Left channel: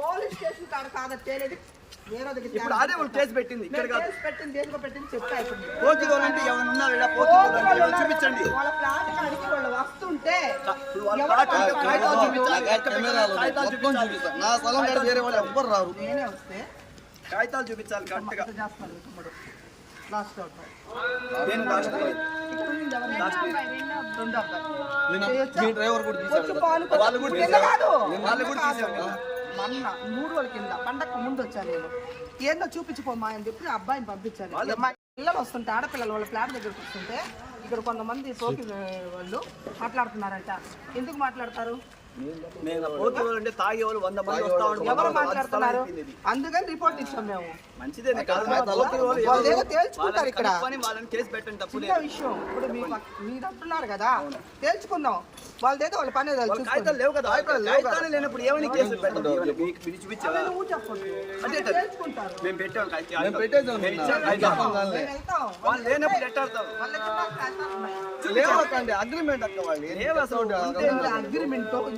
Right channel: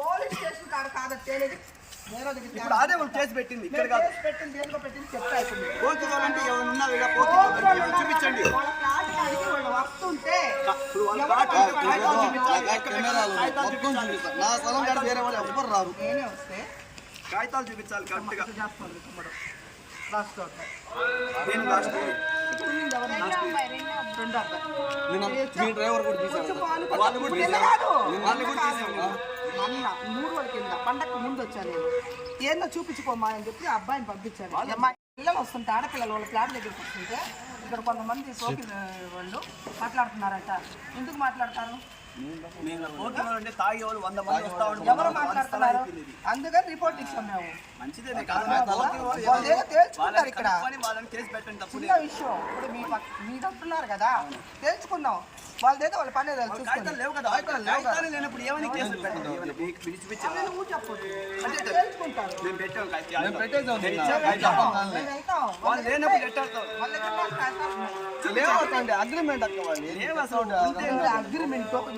Police station కాడ కాదు తేలేదు. ఇప్పుడు అదే వాళ్ళు కేసు పెట్టింది ఇక్కడ మేము కాదు. కేసు పెట్టింది దేనికో పెట్టింది చెప్పేసింది పోటీ వాళ్ళంటే ఎవరు ఉన్నారు ఇక్కడ పోటీ వాళ్ళు చూపించండి. వాళ్ళ ఫ్లాట్ కాడికి వాళ్ళు వస్తుంటే నా స్థలం కాడ వేరే వాళ్ళు ఎవ్వరు రారు? నేనే వస్తే కాగితాలు చూపించాలి కరెక్ట్గా లాస్ట్ నేను లాస్ట్ రెండో అబ్బాయి. మీ డ్రైవర్ కూడా వాళ్ళు కూడా. వాళ్ళు కూడా. మొన్న మూడు రోజుల కింద. పండగకు ముందు వచ్చాను నేను. ఏందో చూపించుకోమా అని చెప్పి అబ్బాయిని పంపించాను పిల్లలు వస్తుంటే ఆడపిల్లలు వాళ్ళ ప్లాట్ దగ్గరికి వస్తుంటే ఇక్కడ కొంతమంది సోకి వాళ్ళు మాట్లాడుతున్నారంట. ఎందుకు మాట్లాడతారు? మేము పోటీ వాళ్ళు అంటే తాగే వాళ్ళు వంద మంది వస్తా ఎవరు మాట్లాడుతున్నారు అందుకని రిపోర్ట్ ఇచ్చాం మేము. మంచిదే కాదు తేల్చుకుంటారు ఇక్కడ. కనుక్కొని వాళ్ళని కేసు పెట్టండి తప్పు చిన్న విషయం. ఇప్పుడు మీ అంటున్నారు కదా? తేల్చుకుందాం. వాళ్ళదేదో వాళ్ళ పని చూసుకోండి. కాగితాలు లేవు కదా? లేనప్పుడు ఏమని కేసు పెట్టండి? నువ్వు చెప్పొద్దు అంటే అంటే తేల్చుకుంటారు. మేము పెట్టాం మేము. వాళ్ళు లేనప్పుడు ఉన్నాయి. లేవకండి అగ్రిమెంట్ అక్క వాళ్ళు. లేవు అగ్రిమెంట్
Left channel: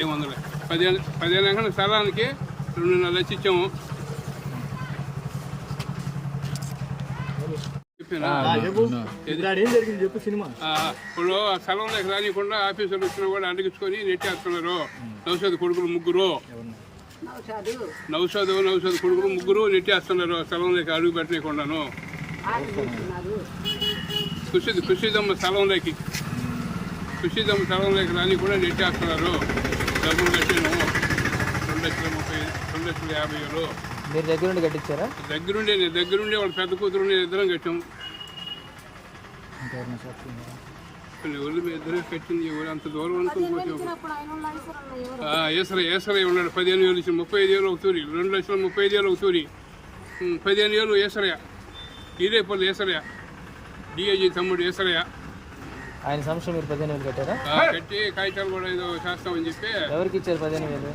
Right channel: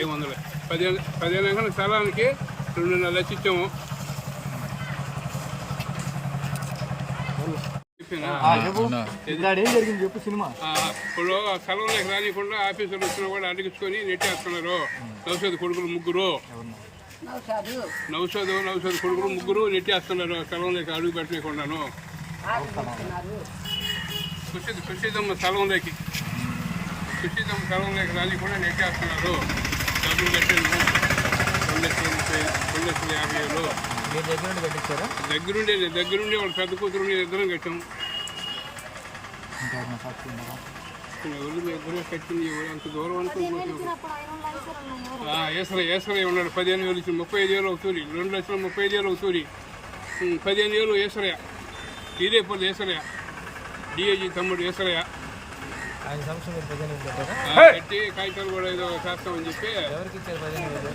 ఏం వందలే పదిహేను పదిహేను అంకణాల స్థలానికి రెండున్నర లక్షలు ఇచ్చాము. చెప్పినా? ఏం జరిగింది చెప్పు సినిమా. ఆ, ఇప్పుడు ఆ స్థలంలోకి రానికుండా ఆఫీసులు వచ్చినా కూడా అడిగించుకొని నెట్టేస్తున్నారు. నౌషధ కొడుకులు ముగ్గురు. నౌషధు నౌషధ కొడుకులు ముగ్గురు నెట్టేస్తున్నారు ఆ స్థలంలోకి అడుగు పెట్టలేకుండాను సుశీద్ సుశీదమ్మ స్థలంలోకి సుశీదమ్మ స్థలంలోకి రాని కూడా నెట్టేస్తున్నారు. డబ్బులు కట్టాను రెండు లక్షల ముప్పై రెండు లక్షల యాభై వేలు. మీరు దగ్గర నుండి కట్టించారా? దగ్గరుండే దగ్గరుండే వాళ్ళ పెద్ద కూతురు ఇద్దరం కట్టాం. ఇంకెవరైనా సాక్షి ఉన్నారా ఎవరు మీ ఇద్దరే కట్టింది ఎవరు అంత దూరం ఆ, ఏసరై ఏసరై ఉన్నాడు పదిహేను వేలు ఇచ్చి ముప్పై ఐదు వేలు ఒక తూరి రెండు లక్షల ముప్పై ఐదు వేలు ఒక తూరి. పదిహేను వేలు ఏసరయ్య ఇదేపల్లి ఏసరయ్య డిఐజీ తమ్ముడు ఏసరయ్య ఆయన సంవత్సరం మీరు పదిహేను వేలు కట్టారా ఆ, కట్టి కాగితాలు కూడా ఏదో చేస్తామని చెప్పి ఎవరికి ఇచ్చారు పదిహేను వేలు